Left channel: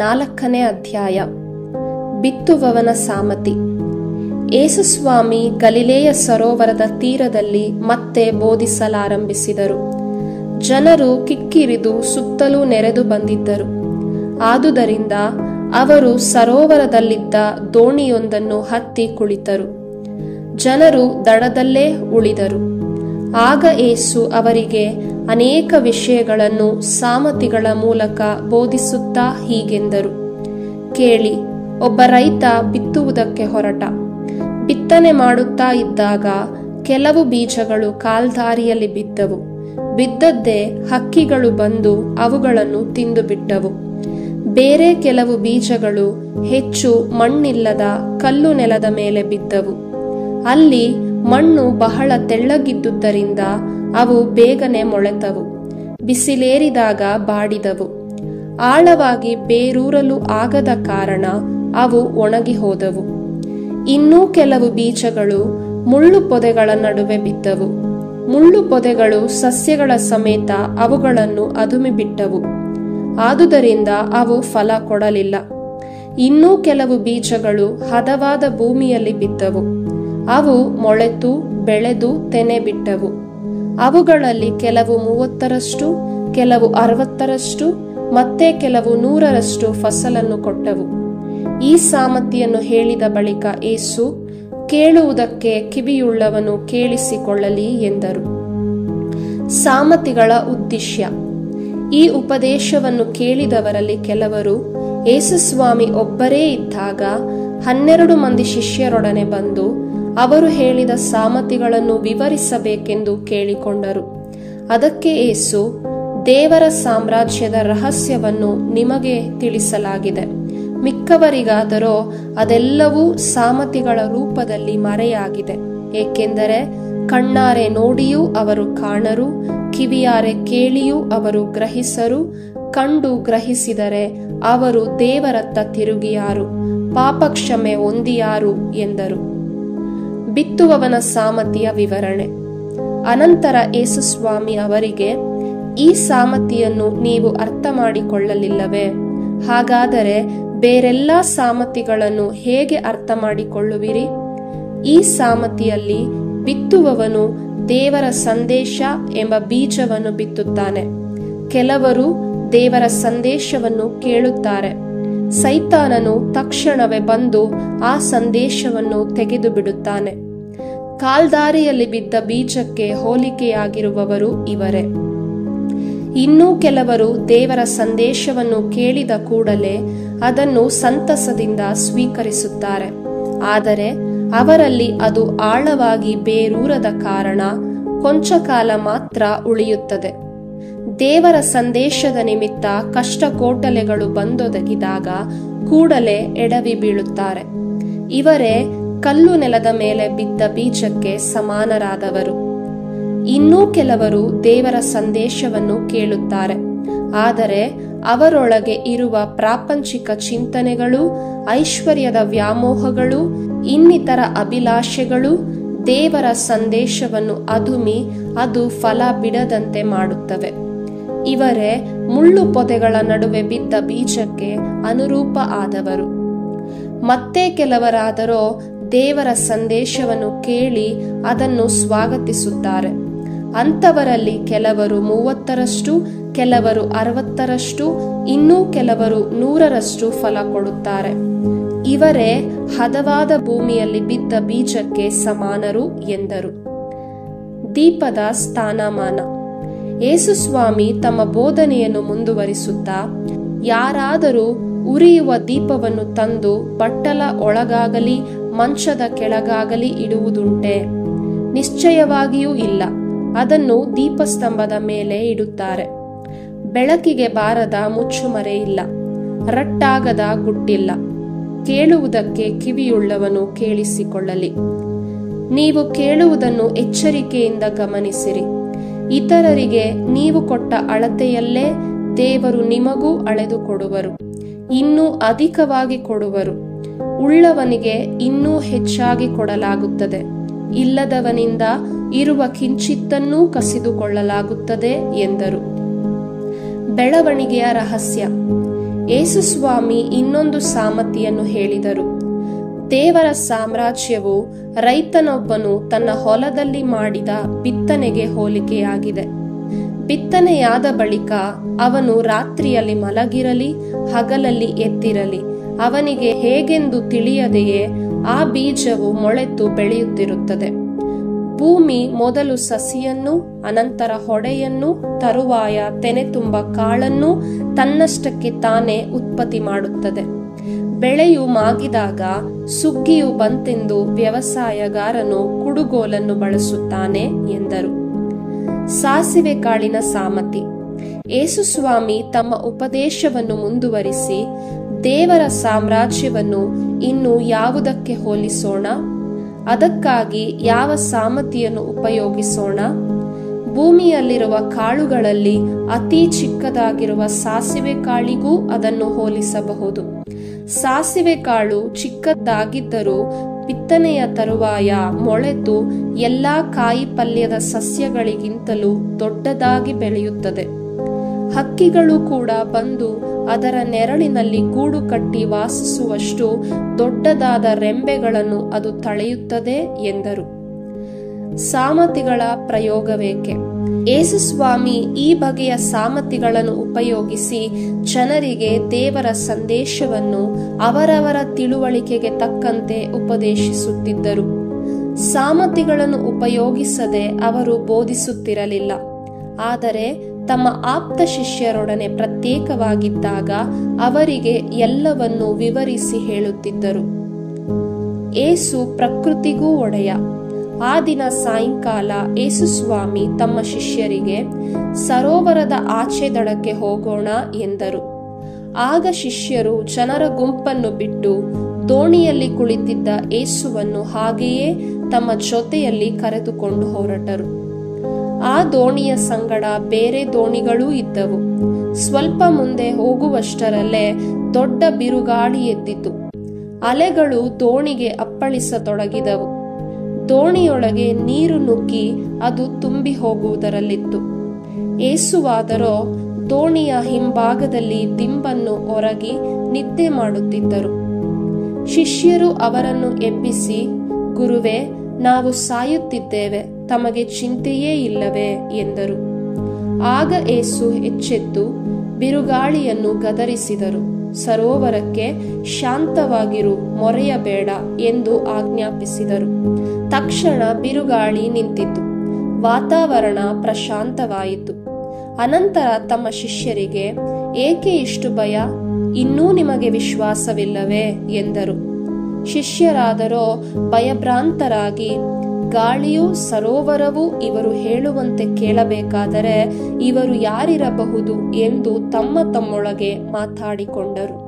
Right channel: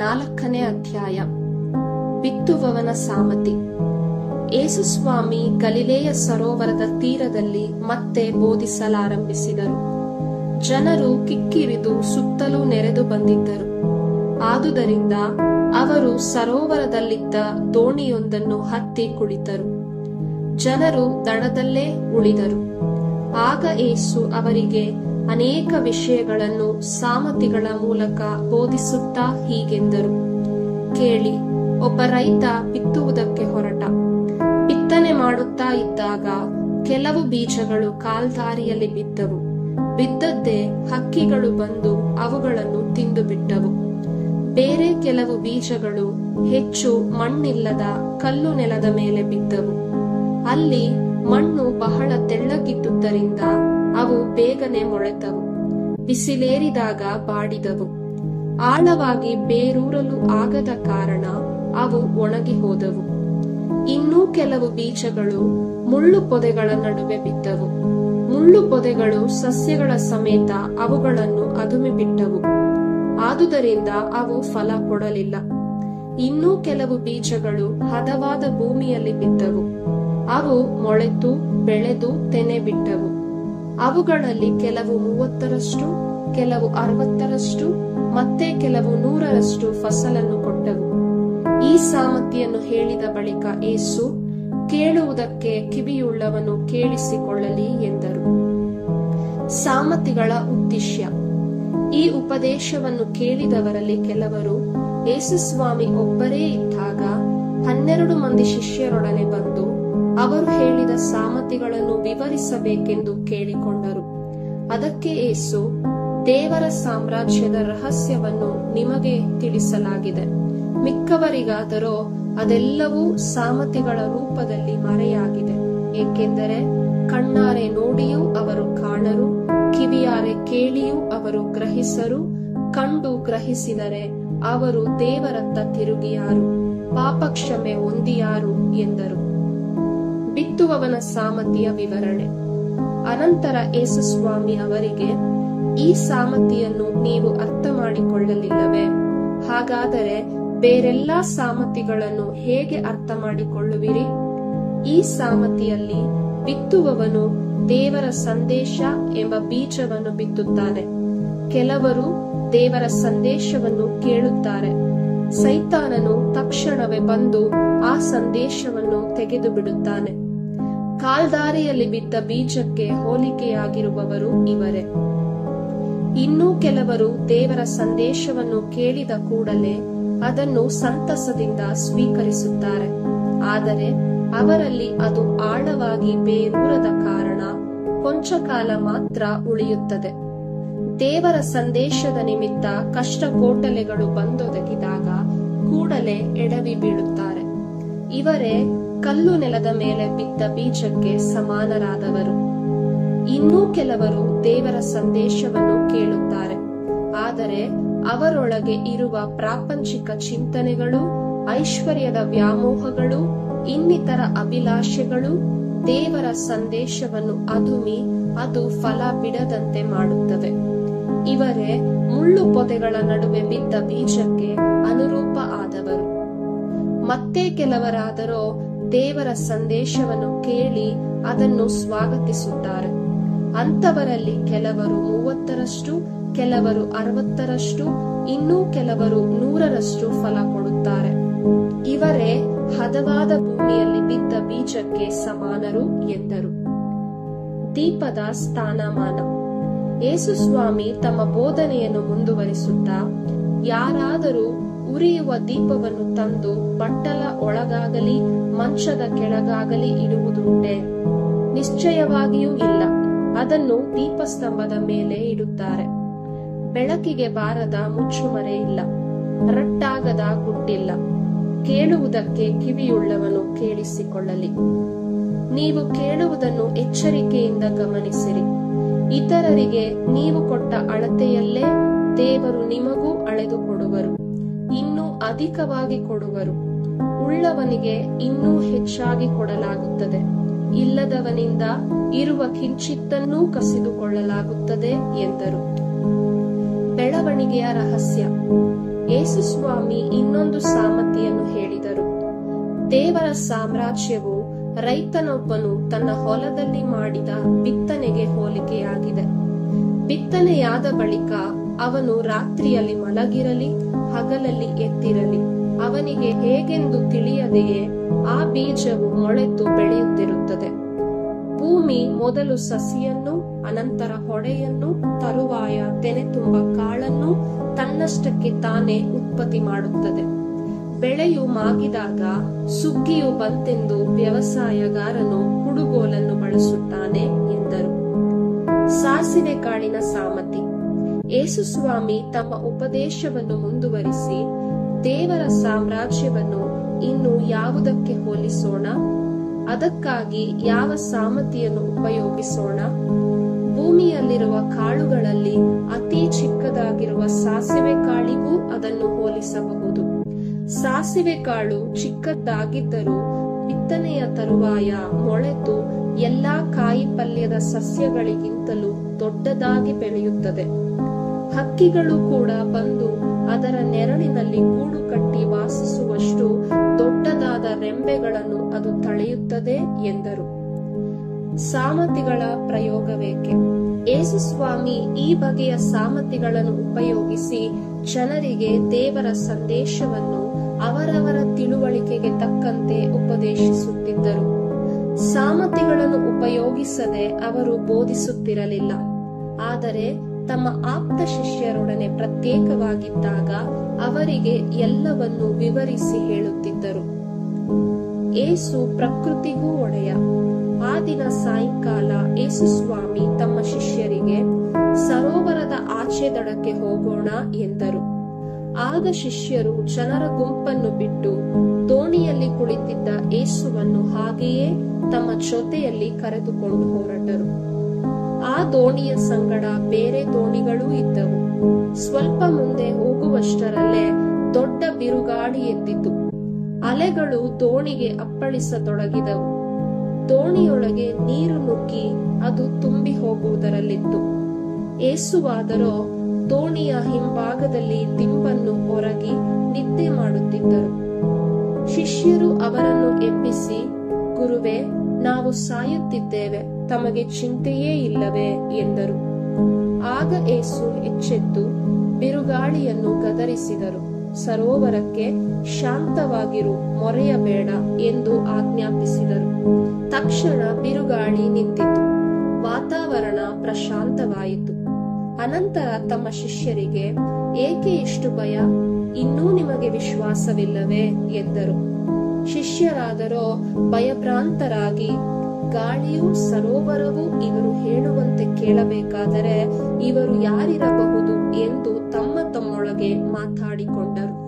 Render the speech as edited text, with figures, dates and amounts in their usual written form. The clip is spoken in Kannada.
4ನೇ ಅಧ್ಯಾಯ. ಬಿತ್ತುವವನ ಸಾಮತಿ. ಯೇಸುಸ್ವಾಮಿ ಗಲಿಲೇಯ ಸರೋವರದ ತೀರದಲ್ಲಿ ಮತ್ತೆ ಬೋಧಿಸಲಾರಂಭಿಸಿದರು. ಜನರು ಕಿಕ್ಕಿರಿದು ಸುತ್ತಲೂ ನೆರೆದು ಬಂದಿದ್ದರು. ಆದುದರಿಂದ ಅವರು ಸರೋವರದಲ್ಲಿದ್ದ ದೋಣಿಯೊಂದನ್ನು ಹತ್ತಿ ಕುಳಿತರು. ಜನರು ದಡದಲ್ಲೇ ಉಳಿದರು. ಆಗ ಯೇಸು ಅವರಿಗೆ ಅನೇಕ ವಿಷಯಗಳನ್ನು ಸಾಮತಿಗಳ ಮೂಲಕ ಬೋಧಿಸುತ್ತಾ ಹೀಗೆಂದರು. ಕೇಳಿ, ಒಬ್ಬ ರೈತ ಬಿತ್ತುವುದಕ್ಕೆ ಹೊರಟ. ಬಿತ್ತನೆ ಮಾಡುತ್ತಾ ಇದ್ದಾಗ ಕೆಲವು ಬೀಜಗಳು ಕಾಲ್ದಾರಿಯಲ್ಲಿ ಬಿದ್ದವು. ಬಿದ್ದದ್ದೇ ಹಕ್ಕಿಗಳು ಬಂದು ಅವುಗಳನ್ನು ತಿಂದು ಬಿಟ್ಟವು. ಬೇರೆ ಕೆಲವು ಬೀಜಗಳು ಹೆಚ್ಚು ಮಣ್ಣಿಲ್ಲದ ಕಲ್ಲು ನೆಲದ ಮೇಲೆ ಬಿದ್ದವು. ಅಲ್ಲಿ ಮಣ್ಣು ಬಹಳ ತೆಳ್ಳಗಿದ್ದುದರಿಂದ ಅವು ಬೇಗನೆ ಮೊಳೆತವು. ಬಿಸಿಲೇರಿದಾಗ ಬಾಡಿದವು. ಆಳವಾಗಿ ಬೇರೂರಲು ಆಗದ ಕಾರಣ ಅವು ಒಣಗಿ ಹೋದವು. ಇನ್ನೂ ಕೆಲವು ಬೀಜಗಳು ಮುಳ್ಳು ಪೊದೆಗಳ ನಡುವೆ ಬಿದ್ದವು. ಮುಳ್ಳು ಪೊದೆಗಳು ಸಸ್ಯಗಳ ಸಮೇತ ಅವುಗಳನ್ನು ಅದುಮಿಬಿಟ್ಟವು. ಆದುದರಿಂದ ಅವು ಫಲ ಕೊಡಲಿಲ್ಲ. ಇನ್ನೂ ಕೆಲವು ಬೀಜಗಳು ಹದವಾದ ಭೂಮಿಯಲ್ಲಿ ಬಿದ್ದವು. ಅವು ಮೊಳೆತು ಬೆಳೆದು ತೆನೆ ಬಿಟ್ಟವು. ಅವುಗಳಲ್ಲಿ ಕೆಲವು 30ರಷ್ಟು, ಕೆಲವು 60ರಷ್ಟು, ಮತ್ತೆ ಕೆಲವು 100ರಷ್ಟು ಫಸಲನ್ನು ಕೊಟ್ಟವು. ಈ ಸಾಮತಿಯನ್ನು ಹೇಳಿದ ಬಳಿಕ ಯೇಸು, ಕೇಳುವುದಕ್ಕೆ ಕಿವಿಯುಳ್ಳವನು ಕೇಳಿಸಿಕೊಳ್ಳಲಿ ಎಂದರು. ಸಾಮತಿಗಳ ಉದ್ದೇಶ. ಈ ಉಪದೇಶವನ್ನು ಕೇಳಿದವರಲ್ಲಿ ಕೆಲವರು ಯೇಸುಸ್ವಾಮಿ ಒಬ್ಬರೇ ಇದ್ದಾಗ 12 ಮಂದಿ ಶಿಷ್ಯರೊಡನೆ ಬಂದು ಅವರು ಹೇಳಿದ ಸಾಮತಿಗಳನ್ನು ವಿವರಿಸಬೇಕೆಂದು ಕೇಳಿಕೊಂಡರು. ಅದಕ್ಕೆ ಯೇಸು, ದೇವರ ಸಾಮ್ರಾಜ್ಯದ ರಹಸ್ಯವನ್ನು ನಿಮಗೆ ತಿಳಿಸಲಾಗಿದೆ. ಮಿಕ್ಕವರಿಗಾದರೋ ಅದೆಲ್ಲವೂ ಸಾಮತಿಗಳ ರೂಪದಲ್ಲಿ ಮರೆಯಾಗಿದೆ. ಏಕೆಂದರೆ ಕಣ್ಣಾರೆ ನೋಡಿಯೂ ಅವರು ಕಾಣರು, ಕಿವಿಯಾರೆ ಕೇಳಿಯೂ ಅವರು ಗ್ರಹಿಸರು, ಕಂಡು ಗ್ರಹಿಸಿದರೆ ಅವರು ದೇವರತ್ತ ತಿರುಗಿಯಾರು, ಪಾಪಕ್ಷಮೆ ಹೊಂದಿಯಾರು ಎಂದರು. ಬಿತ್ತುವವನ ಸಾಮತಿಯ ವಿವರಣೆ. ಅನಂತರ ಯೇಸುಸ್ವಾಮಿ ಅವರಿಗೆ, ಈ ಸಾಮತಿಯನ್ನು ನೀವು ಅರ್ಥ ಮಾಡಿಕೊಳ್ಳಲಿಲ್ಲವೇ? ಹಾಗಾದರೆ ಬೇರೆಲ್ಲ ಸಾಮತಿಗಳನ್ನು ಹೇಗೆ ಅರ್ಥ ಮಾಡಿಕೊಳ್ಳುವಿರಿ? ಈ ಸಾಮತಿಯಲ್ಲಿ ಬಿತ್ತುವವನು ದೇವರ ಸಂದೇಶ ಎಂಬ ಬೀಜವನ್ನು ಬಿತ್ತುತ್ತಾನೆ. ಕೆಲವರು ದೇವರ ಸಂದೇಶವನ್ನು ಕೇಳುತ್ತಾರೆ. ಸೈತಾನನು ತಕ್ಷಣವೇ ಬಂದು ಆ ಸಂದೇಶವನ್ನು ತೆಗೆದು ಬಿಡುತ್ತಾನೆ. ಕಾಲ್ದಾರಿಯಲ್ಲಿ ಬಿದ್ದ ಬೀಜಕ್ಕೆ ಹೋಲಿಕೆಯಾಗಿರುವವರು ಇವರೇ. ಇನ್ನೂ ಕೆಲವರು ದೇವರ ಸಂದೇಶವನ್ನು ಕೇಳಿದ ಕೂಡಲೇ ಅದನ್ನು ಸಂತಸದಿಂದ ಸ್ವೀಕರಿಸುತ್ತಾರೆ. ಆದರೆ ಅವರಲ್ಲಿ ಅದು ಆಳವಾಗಿ ಬೇರೂರದ ಕಾರಣ ಕೊಂಚ ಕಾಲ ಮಾತ್ರ ಉಳಿಯುತ್ತದೆ. ದೇವರ ಸಂದೇಶದ ನಿಮಿತ್ತ ಕಷ್ಟಕೋಟಲೆಗಳು ಬಂದೊದಗಿದಾಗ ಕೂಡಲೇ ಎಡವಿ ಬೀಳುತ್ತಾರೆ. ಇವರೇ ಕಲ್ಲು ನೆಲದ ಮೇಲೆ ಬಿದ್ದ ಬೀಜಕ್ಕೆ ಸಮಾನರಾದವರು. ಇನ್ನೂ ಕೆಲವರು ದೇವರ ಸಂದೇಶವನ್ನು ಕೇಳುತ್ತಾರೆ. ಆದರೆ ಅವರೊಳಗೆ ಇರುವ ಪ್ರಾಪಂಚಿಕ ಚಿಂತನೆಗಳು, ಐಶ್ವರ್ಯದ ವ್ಯಾಮೋಹಗಳು, ಇನ್ನಿತರ ಅಭಿಲಾಷೆಗಳು ದೇವರ ಸಂದೇಶವನ್ನು ಅದುಮಿ ಅದು ಫಲ ಬಿಡದಂತೆ ಮಾಡುತ್ತವೆ. ಇವರೇ ಮುಳ್ಳು ಪೊದೆಗಳ ನಡುವೆ ಬಿದ್ದ ಬೀಜಕ್ಕೆ ಅನುರೂಪ ಆದವರು. ಮತ್ತೆ ಕೆಲವರಾದರೋ ದೇವರ ಸಂದೇಶವನ್ನು ಕೇಳಿ ಅದನ್ನು ಸ್ವಾಗತಿಸುತ್ತಾರೆ. ಅಂಥವರಲ್ಲಿ ಕೆಲವರು 30ರಷ್ಟು, ಕೆಲವರು 60ರಷ್ಟು, ಇನ್ನೂ ಕೆಲವರು 100ರಷ್ಟು ಫಲ ಕೊಡುತ್ತಾರೆ. ಇವರೇ ಹದವಾದ ಭೂಮಿಯಲ್ಲಿ ಬಿದ್ದ ಬೀಜಕ್ಕೆ ಸಮಾನರು ಎಂದರು. ದೀಪದ ಸ್ಥಾನಮಾನ. ಯೇಸುಸ್ವಾಮಿ ತಮ್ಮ ಬೋಧನೆಯನ್ನು ಮುಂದುವರಿಸುತ್ತಾ, ಯಾರಾದರೂ ಉರಿಯುವ ದೀಪವನ್ನು ತಂದು ಬಟ್ಟಲ ಒಳಗಾಗಲಿ ಮಂಚದ ಕೆಳಗಾಗಲಿ ಇಡುವುದುಂಟೆ? ನಿಶ್ಚಯವಾಗಿಯೂ ಇಲ್ಲ. ಅದನ್ನು ದೀಪಸ್ತಂಭದ ಮೇಲೆ ಇಡುತ್ತಾರೆ. ಬೆಳಕಿಗೆ ಬಾರದ ಮುಚ್ಚುಮರೆ ಇಲ್ಲ, ರಟ್ಟಾಗದ ಗುಟ್ಟಿಲ್ಲ. ಕೇಳುವುದಕ್ಕೆ ಕಿವಿಯುಳ್ಳವನು ಕೇಳಿಸಿಕೊಳ್ಳಲಿ. ನೀವು ಕೇಳುವುದನ್ನು ಎಚ್ಚರಿಕೆಯಿಂದ ಗಮನಿಸಿರಿ. ಇತರರಿಗೆ ನೀವು ಕೊಟ್ಟ ಅಳತೆಯಲ್ಲೇ ದೇವರು ನಿಮಗೂ ಅಳೆದು ಕೊಡುವರು, ಇನ್ನೂ ಅಧಿಕವಾಗಿ ಕೊಡುವರು. ಉಳ್ಳವನಿಗೆ ಇನ್ನೂ ಹೆಚ್ಚಾಗಿ ಕೊಡಲಾಗುತ್ತದೆ, ಇಲ್ಲದವನಿಂದ ಇರುವ ಕಿಂಚಿತ್ತನ್ನೂ ಕಸಿದುಕೊಳ್ಳಲಾಗುತ್ತದೆ ಎಂದರು. ಬೆಳವಣಿಗೆಯ ರಹಸ್ಯ. ಯೇಸುಸ್ವಾಮಿ ಇನ್ನೊಂದು ಸಾಮತಿಯನ್ನು ಹೇಳಿದರು. ದೇವರ ಸಾಮ್ರಾಜ್ಯವು ರೈತನೊಬ್ಬನು ತನ್ನ ಹೊಲದಲ್ಲಿ ಮಾಡಿದ ಬಿತ್ತನೆಗೆ ಹೋಲಿಕೆಯಾಗಿದೆ. ಬಿತ್ತನೆಯಾದ ಬಳಿಕ ಅವನು ರಾತ್ರಿಯಲ್ಲಿ ಮಲಗಿರಲಿ ಹಗಲಲ್ಲಿ ಎದ್ದಿರಲಿ ಅವನಿಗೆ ಹೇಗೆಂದು ತಿಳಿಯದೆಯೇ ಆ ಬೀಜವು ಮೊಳೆತು ಬೆಳೆಯುತ್ತಿರುತ್ತದೆ. ಭೂಮಿ ಮೊದಲು ಸಸಿಯನ್ನು, ಅನಂತರ ಹೊಡೆಯನ್ನು, ತರುವಾಯ ತೆನೆ ತುಂಬ ಕಾಳನ್ನು ತನ್ನಷ್ಟಕ್ಕೆ ತಾನೇ ಉತ್ಪತ್ತಿ ಮಾಡುತ್ತದೆ. ಬೆಳೆಯು ಮಾಗಿದಾಗ ಸುಗ್ಗಿಯು ಬಂತೆಂದು ವ್ಯವಸಾಯಗಾರನು ಕುಡುಗೋಲನ್ನು ಬಳಸುತ್ತಾನೆ ಎಂದರು. ಸಾಸಿವೆ ಕಾಳಿನ ಸಾಮತಿ. ಯೇಸುಸ್ವಾಮಿ ತಮ್ಮ ಉಪದೇಶವನ್ನು ಮುಂದುವರಿಸಿ, ದೇವರ ಸಾಮ್ರಾಜ್ಯವನ್ನು ಇನ್ನು ಯಾವುದಕ್ಕೆ ಹೋಲಿಸೋಣ? ಅದಕ್ಕಾಗಿ ಯಾವ ಸಾಮತಿಯನ್ನು ಉಪಯೋಗಿಸೋಣ? ಭೂಮಿಯಲ್ಲಿರುವ ಕಾಳುಗಳಲ್ಲಿ ಅತಿ ಚಿಕ್ಕದಾಗಿರುವ ಸಾಸಿವೆ ಕಾಳಿಗೂ ಅದನ್ನು ಹೋಲಿಸಬಹುದು. ಸಾಸಿವೆ ಕಾಳು ಚಿಕ್ಕದಾಗಿದ್ದರೂ ಬಿತ್ತನೆಯ ತರುವಾಯ ಮೊಳೆತು ಎಲ್ಲಾ ಕಾಯಿ ಪಲ್ಯದ ಸಸ್ಯಗಳಿಗಿಂತಲೂ ದೊಡ್ಡದಾಗಿ ಬೆಳೆಯುತ್ತದೆ. ಹಕ್ಕಿಗಳು ಕೂಡ ಬಂದು ಅದರ ನೆರಳಿನಲ್ಲಿ ಗೂಡು ಕಟ್ಟಿ ವಾಸಿಸುವಷ್ಟು ದೊಡ್ಡದಾದ ರೆಂಬೆಗಳನ್ನು ಅದು ತಳೆಯುತ್ತದೆ ಎಂದರು. ಸಾಮತಿಗಳ ಪ್ರಯೋಗವೇಕೆ? ಯೇಸುಸ್ವಾಮಿ ಈ ಬಗೆಯ ಸಾಮತಿಗಳನ್ನು ಉಪಯೋಗಿಸಿ ಜನರಿಗೆ ದೇವರ ಸಂದೇಶವನ್ನು ಅವರವರ ತಿಳುವಳಿಕೆಗೆ ತಕ್ಕಂತೆ ಉಪದೇಶಿಸುತ್ತಿದ್ದರು. ಸಾಮತಿಗಳನ್ನು ಉಪಯೋಗಿಸದೆ ಅವರು ಬೋಧಿಸುತ್ತಿರಲಿಲ್ಲ. ಆದರೆ ತಮ್ಮ ಆಪ್ತ ಶಿಷ್ಯರೊಡನೆ ಪ್ರತ್ಯೇಕವಾಗಿದ್ದಾಗ ಅವರಿಗೆ ಎಲ್ಲವನ್ನೂ ವಿವರಿಸಿ ಹೇಳುತ್ತಿದ್ದರು. ಏಸು ಪ್ರಕೃತಿಗೂ ಒಡೆಯ. ಆ ದಿನ ಸಾಯಂಕಾಲ ಯೇಸುಸ್ವಾಮಿ ತಮ್ಮ ಶಿಷ್ಯರಿಗೆ, ಸರೋವರದ ಆಚೆ ದಡಕ್ಕೆ ಹೋಗೋಣ ಎಂದರು. ಆಗ ಶಿಷ್ಯರು ಜನರ ಗುಂಪನ್ನು ಬಿಟ್ಟು ದೋಣಿಯಲ್ಲಿ ಕುಳಿತಿದ್ದ ಯೇಸುವನ್ನು ಹಾಗೆಯೇ ತಮ್ಮ ಜೊತೆಯಲ್ಲಿ ಕರೆದುಕೊಂಡು ಹೊರಟರು. ಆ ದೋಣಿಯ ಸಂಗಡ ಬೇರೆ ದೋಣಿಗಳೂ ಇದ್ದವು. ಸ್ವಲ್ಪ ಮುಂದೆ ಹೋಗುವಷ್ಟರಲ್ಲೇ ದೊಡ್ಡ ಬಿರುಗಾಳಿ ಎದ್ದಿತು. ಅಲೆಗಳು ದೋಣಿಗೆ ಅಪ್ಪಳಿಸತೊಡಗಿದವು. ದೋಣಿಯೊಳಗೆ ನೀರು ನುಗ್ಗಿ ಅದು ತುಂಬಿ ಹೋಗುವುದರಲ್ಲಿತ್ತು. ಯೇಸುವಾದರೋ ದೋಣಿಯ ಹಿಂಭಾಗದಲ್ಲಿ ದಿಂಬನ್ನು ಒರಗಿ ನಿದ್ದೆ ಮಾಡುತ್ತಿದ್ದರು. ಶಿಷ್ಯರು ಅವರನ್ನು ಎಬ್ಬಿಸಿ, ಗುರುವೇ, ನಾವು ಸಾಯುತ್ತಿದ್ದೇವೆ, ತಮಗೆ ಚಿಂತೆಯೇ ಇಲ್ಲವೇ ಎಂದರು. ಆಗ ಯೇಸು ಎಚ್ಚೆತ್ತು ಬಿರುಗಾಳಿಯನ್ನು ಗದರಿಸಿದರು. ಸರೋವರಕ್ಕೆ, ಶಾಂತವಾಗಿರು, ಮೊರೆಯಬೇಡ ಎಂದು ಆಜ್ಞಾಪಿಸಿದರು. ತಕ್ಷಣ ಬಿರುಗಾಳಿ ನಿಂತಿತು. ವಾತಾವರಣ ಪ್ರಶಾಂತವಾಯಿತು. ಅನಂತರ ತಮ್ಮ ಶಿಷ್ಯರಿಗೆ, ಏಕೆ ಇಷ್ಟು ಭಯ? ಇನ್ನೂ ನಿಮಗೆ ವಿಶ್ವಾಸವಿಲ್ಲವೇ ಎಂದರು. ಶಿಷ್ಯರಾದರೋ ಭಯಭ್ರಾಂತರಾಗಿ, ಗಾಳಿಯೂ ಸರೋವರವೂ ಇವರು ಹೇಳುವಂತೆ ಕೇಳಬೇಕಾದರೆ ಇವರು ಯಾರಿರಬಹುದು ಎಂದು ತಮ್ಮೊಳಗೆ ಮಾತಾಡಿಕೊಂಡರು.